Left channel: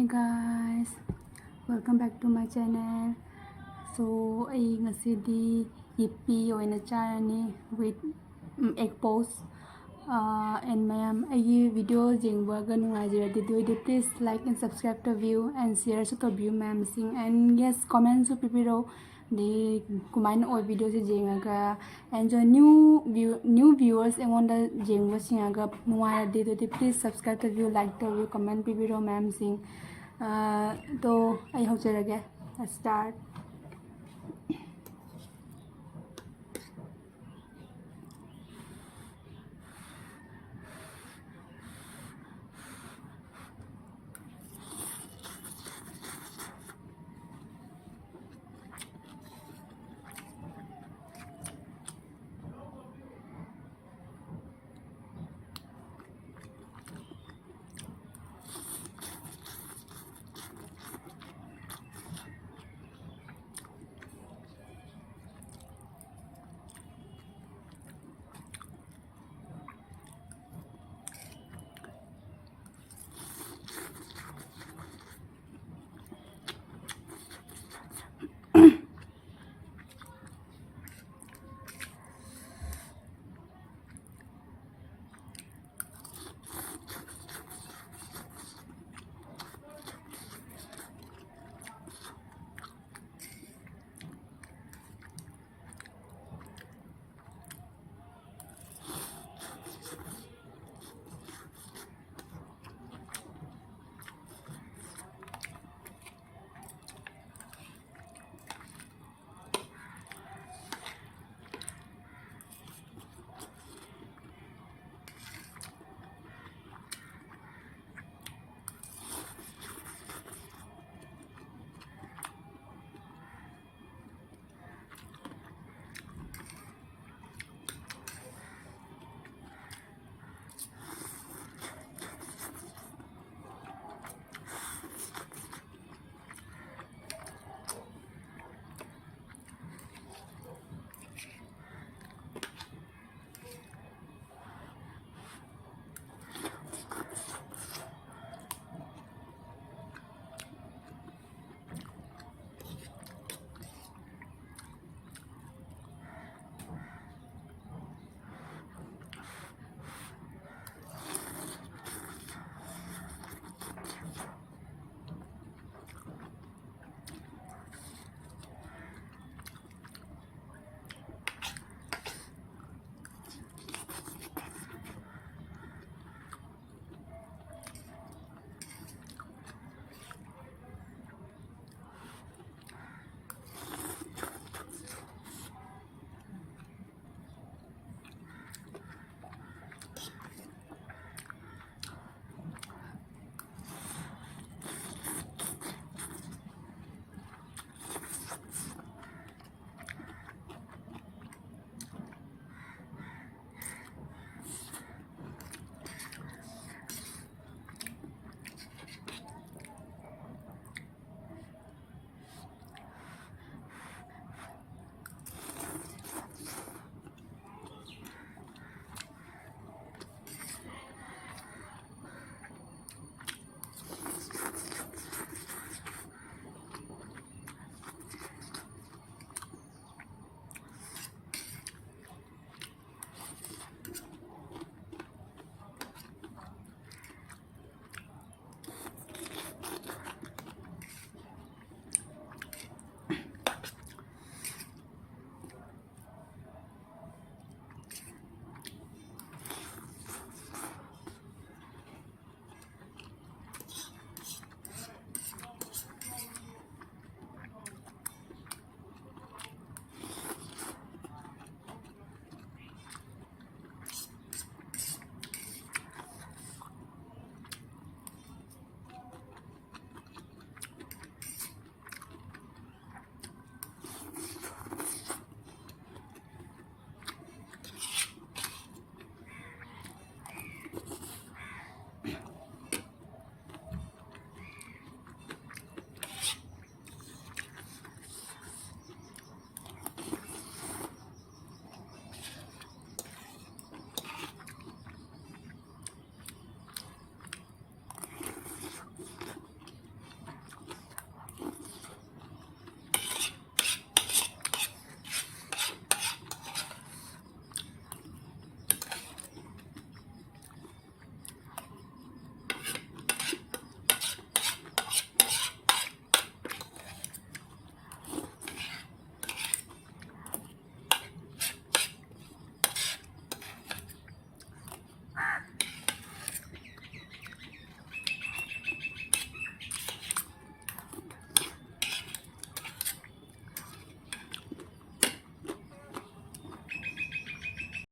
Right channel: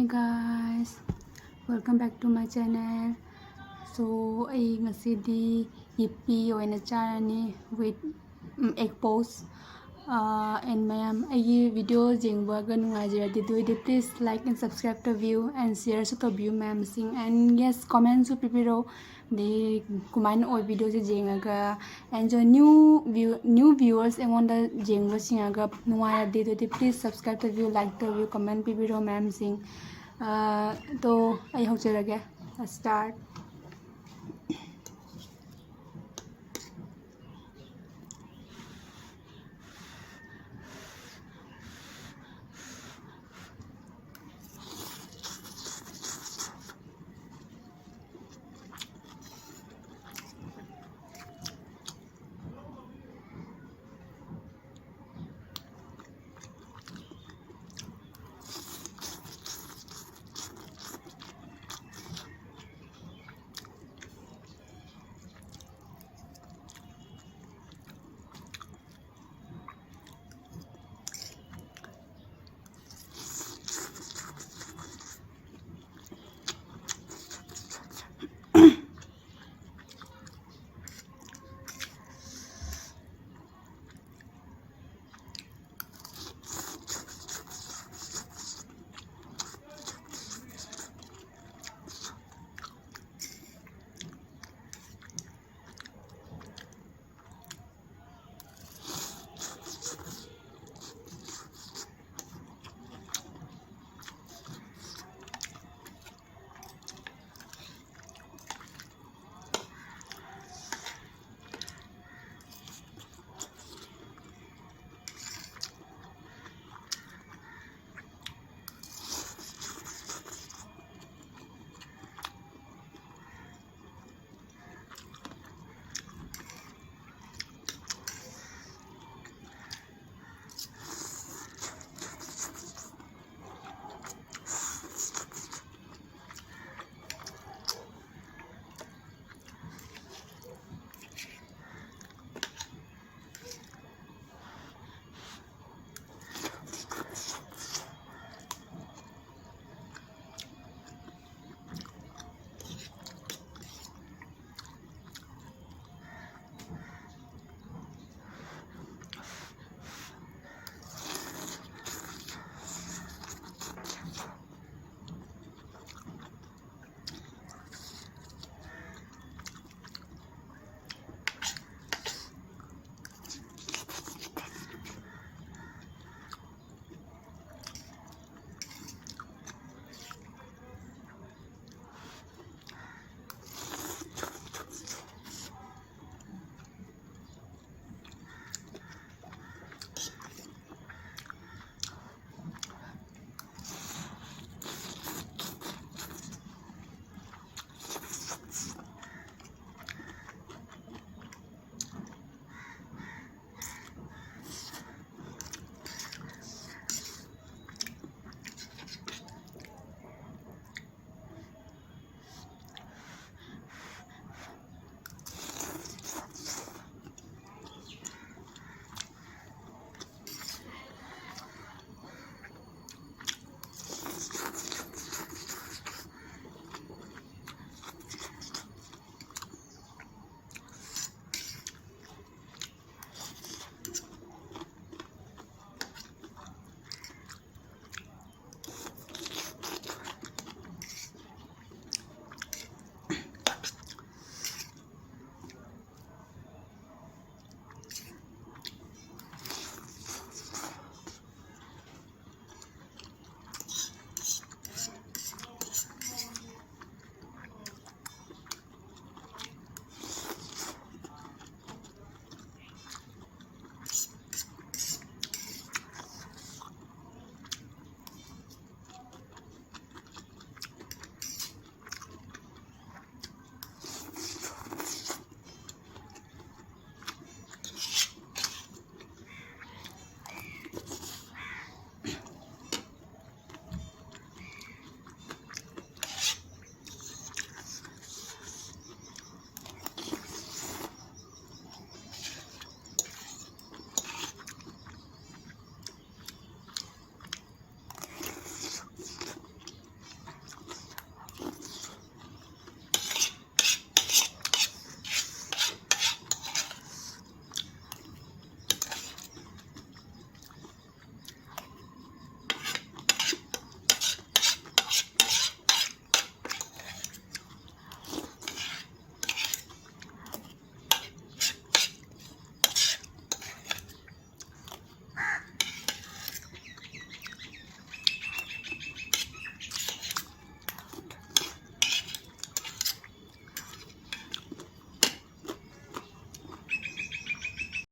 Hey guys, welcome back to my channel. So I ngasidi yippee oina charani with egg post and mayam ayi video jengbaga nungajiradi doidi please like and subscribe to view and share to view ma'am sing and yes comment to pipiro the kumain or video se jengaga and jo new viewers and the jengba singaga nungajiradi doidi please subscribe to view like to view comment pipiro ma'am sing तो I hope to get start